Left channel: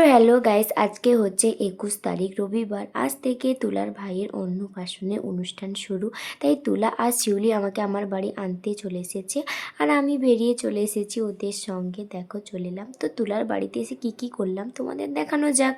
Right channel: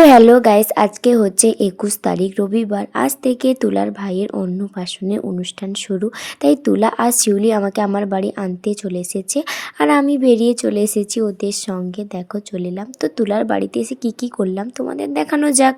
তো hello guys, আজকে হচ্ছে একুশ তারিখ, রবিবার। আজ থেকে তুলার ভাইয়ের অন্নপ্রাশনে অনুষ্ঠান শুরু। তাই তুলা আর শিউলি আমাকে আমার বাড়ি আনতে চলে এসেছে আর আমি বেরিয়ে চলে এসেছি ওদের সঙ্গে। দেখো, চলে এলাম। তো তুলার বাড়িতে এসে কি কি করলাম তোমাদের দেখানো যাক।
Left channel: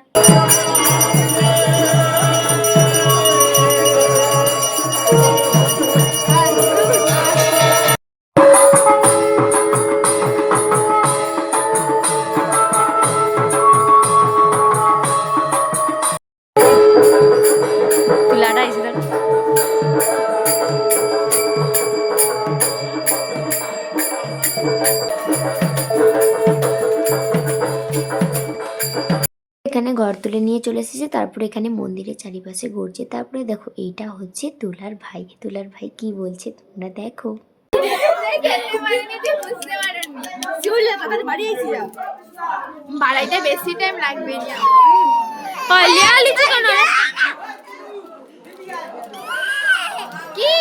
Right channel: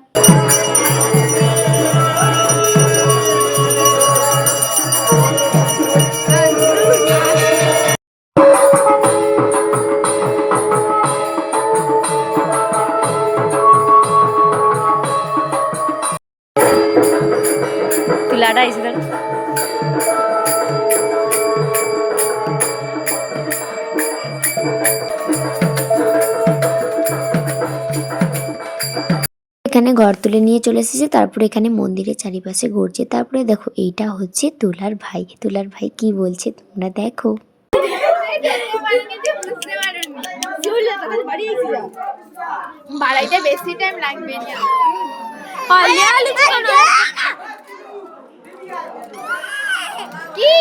এখানে ঘর তুলে নিয়ে চলে এসেছে তারপরে এখানে মন্দিরের চারিপাশে ঘুরছে। তারপরে দেখো এইটা হচ্ছে তুলার ভাই। তুলার ভাই কি বলছে তোমরা দেখো। বাড়াইতে বেশি টাইম লাগবে না কি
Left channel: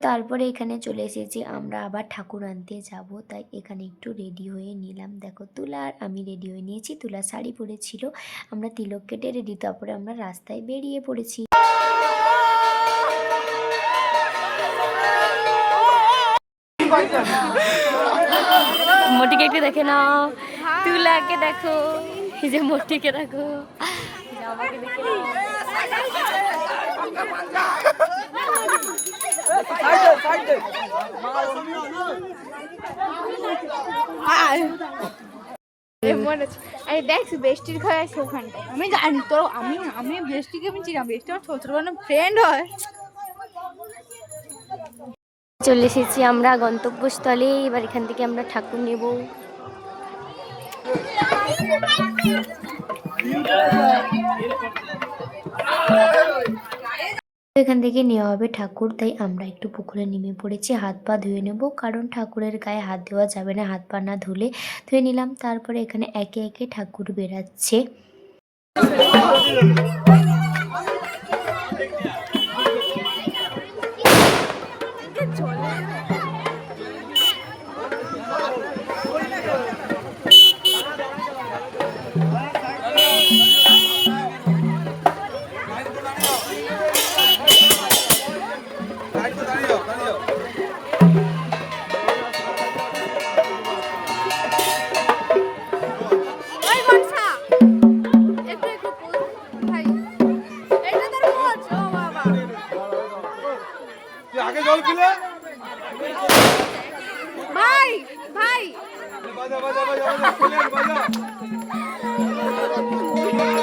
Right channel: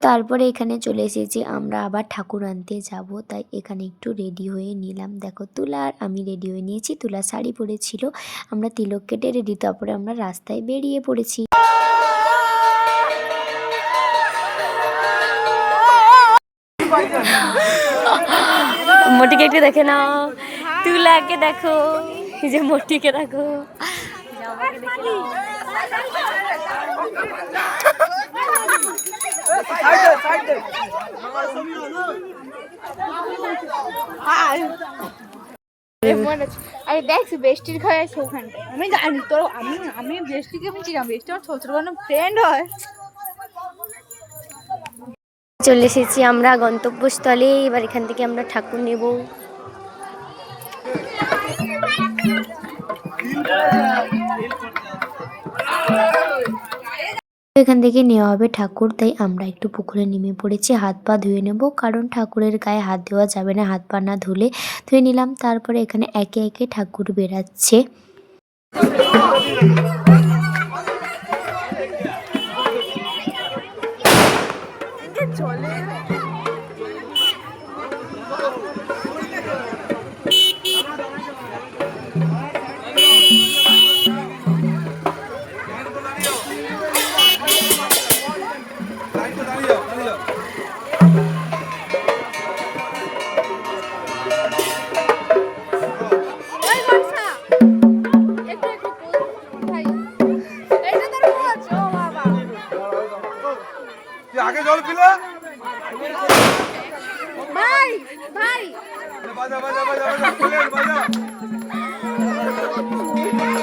তারপরে এখানে চলে এসেছি, আমরা আবার ঠাকুর আনতে যাব। তাই এখানে একটু রেডি হয়ে নিলাম। দেখো তুলা আর আমি রেডি হয়ে নিয়েছি। তুলা শাড়ি পরেছিল, আমরা তিলক কেটে রেডি তারপরে আমরা রাস্তায় বেরিয়ে পড়েছি। মোটিকে একটু দেখে নাও। তুলাকে দেখো যে মোটিকে দেখো। আরে দেখ বেষ্টির ঘরে আছে ওখানটায়। আমি জানি তো আমি আমি বেষ্টিকে আমি চিনি বেষ্টি আমার ছোট ফ্রেন্ড হয়। চলে এসেছি আমরা গন্তব্যস্থলে এবার এখান থেকে আমরা ঠাকুর নেব। এখান থেকে নেওয়া হবে ঠাকুর, তাই আমরা একটু পুকুরে নেমে পড়েছি। হাত পা ধুয়ে নেব, কারণ ঠাকুরের গায়ে হাত দেওয়া যাবে না। হাত পা না ধুলে ধুয়ে নিলাম, তারপরে এখানে একে একে ঠাকুর বেরাচ্ছে আগে জল পিলে? ভাই ভাই। বাজা বাজা বাজা বাজা বাজা।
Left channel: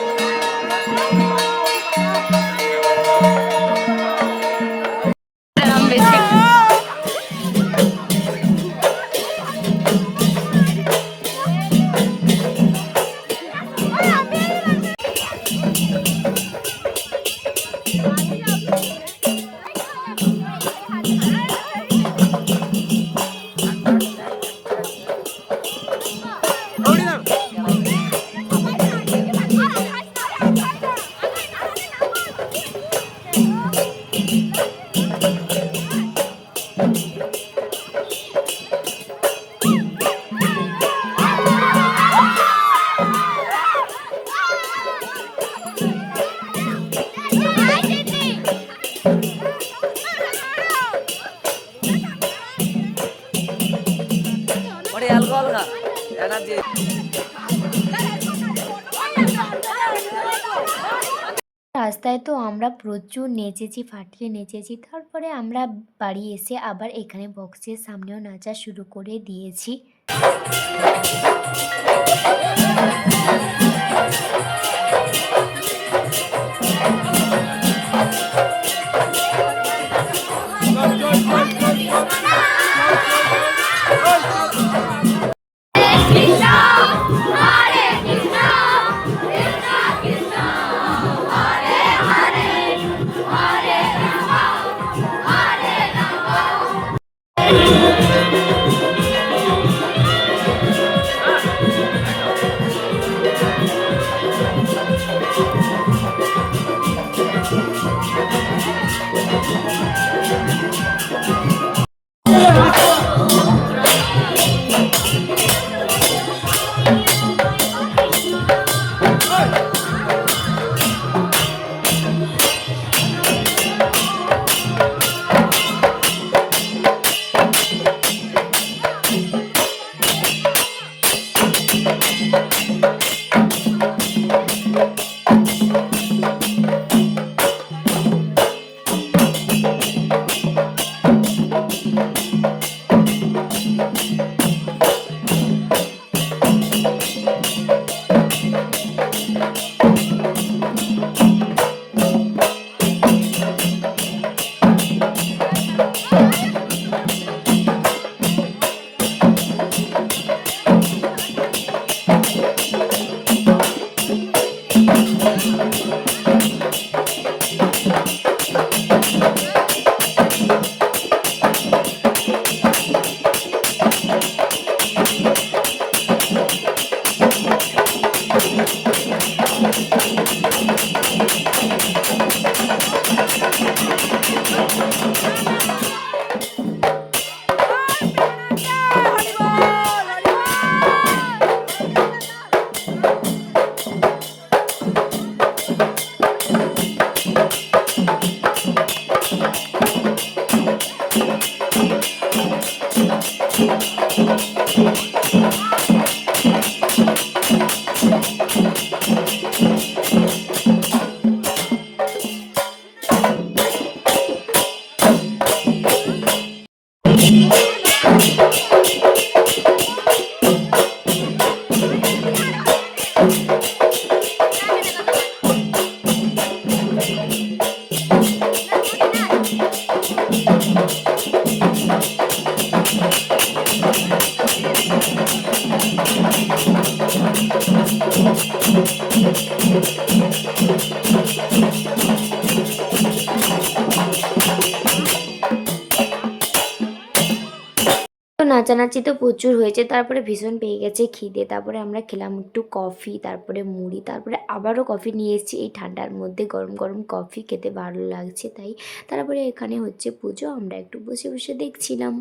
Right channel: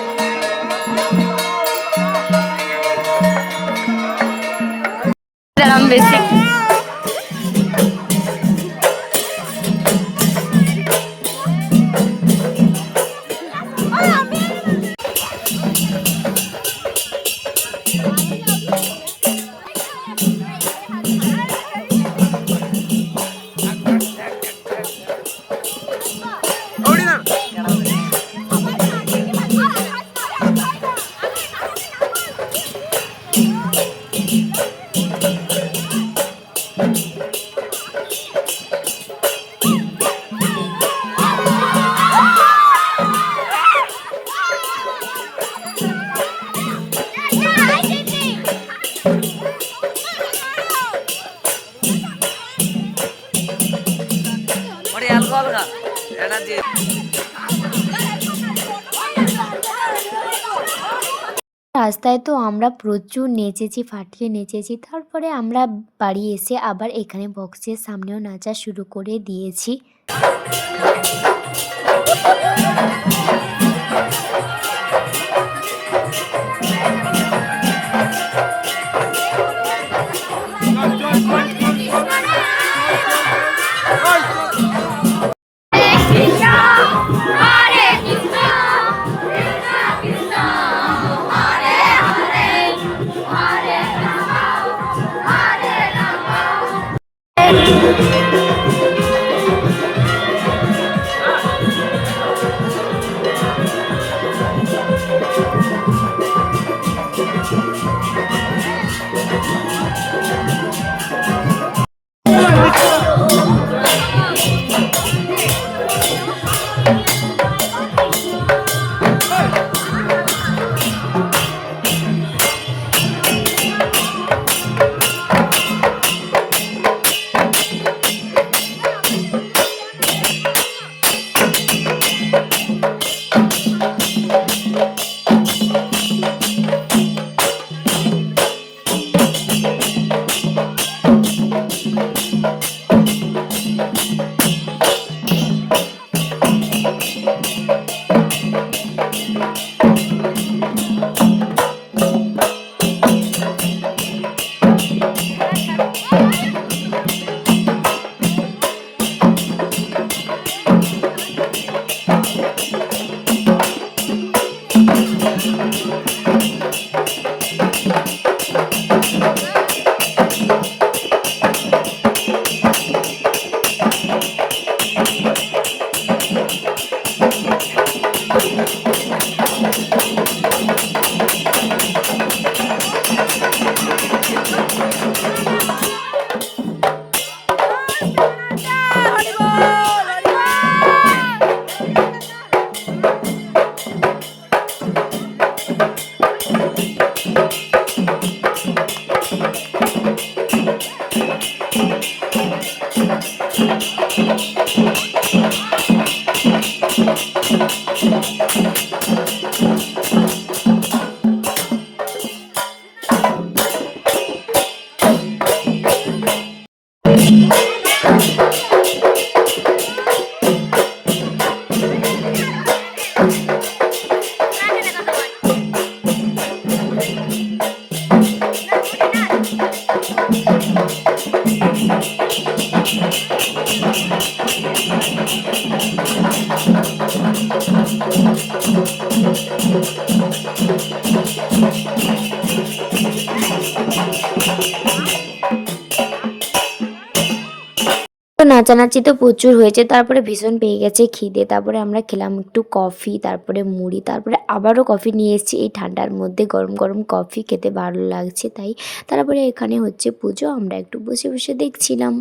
রাস্তায় তো আমরা প্রচুর নেচেছি, ফাটিয়ে নেচেছি। তারপরে আমরা বাড়ি এসে আবার এখানে বক্সের সামনেও নাচা শুরু করে দিয়েছি। Gracias. নাচানাচি তো প্রচুর হয়েছে, তারপরে ভীষণ পেয়ে গেছে খিদে। তারপরে আমরা খেলাম একটু কফি, তারপরে মুড়ি, তারপরে আবারও কফি নিয়ে এসেছি। এই ঠান্ডার মধ্যে গরম গরম কফি খেতে ভালো লাগছে, তাই তারপরে এখানে হচ্ছে পুজো, আমরা একটু বসে বসে দেখছিলাম।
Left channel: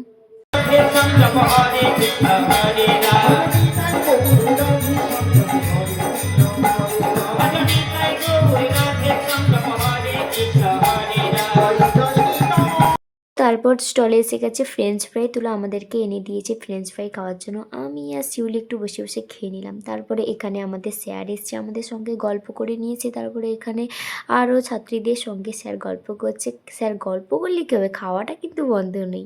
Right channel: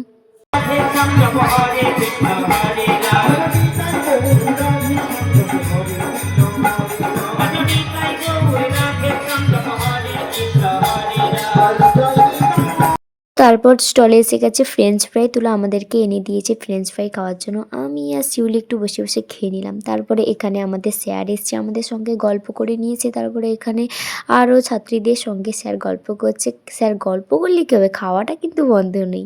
তারপর স্টলে এসে গেছে ফ্রেঞ্চ ফ্রাই তুলো আমাদেরকে এনে দিয়েছে ফ্রেঞ্চ ফ্রাই খাওয়ার জন্য। আমি আর শিউলি একটু বসে বসে খেয়ে নিলাম। তারপরে এখানে আমাদের স্যার এসছে আমাদের সঙ্গে গল্প করে নিয়েছে। তারপরে এখানে আরও ছাত্রীদের সঙ্গে স্যার গল্প করছে। স্যার গল্প করলে কী হবে? খাওয়াটা কিন্তু বন্ধ নেই।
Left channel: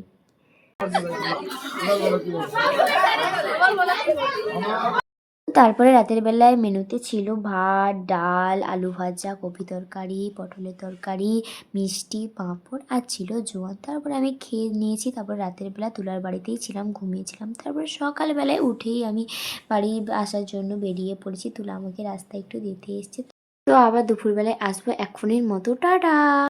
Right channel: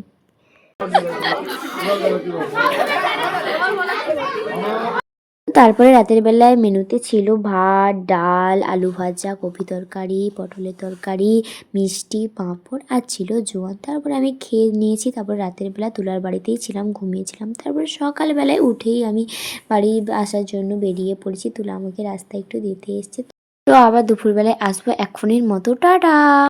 তারপরে রাতের বেলায় মেনুতে ছিল ভাত, ডাল, আলু ভাজা, কপি তরকারি, পটলের তরকারি, মিষ্টি, পাঁপড় আর ছিল জোয়ান। তারপরে আমি খেয়ে নিয়েছি। তারপর রাতের বেলা তুলার বাড়িতেই ছিলাম, ঘুমিয়েছিলাম। তারপরে সকালবেলায় উঠেই আমি বাড়ি আসার জন্য বেরিয়ে পড়েছি। তুলা আমাকে রাস্তায় একটু দিতে এসছে। তো আবার দুপুরবেলায় আসব এখনের মতো। টাটা!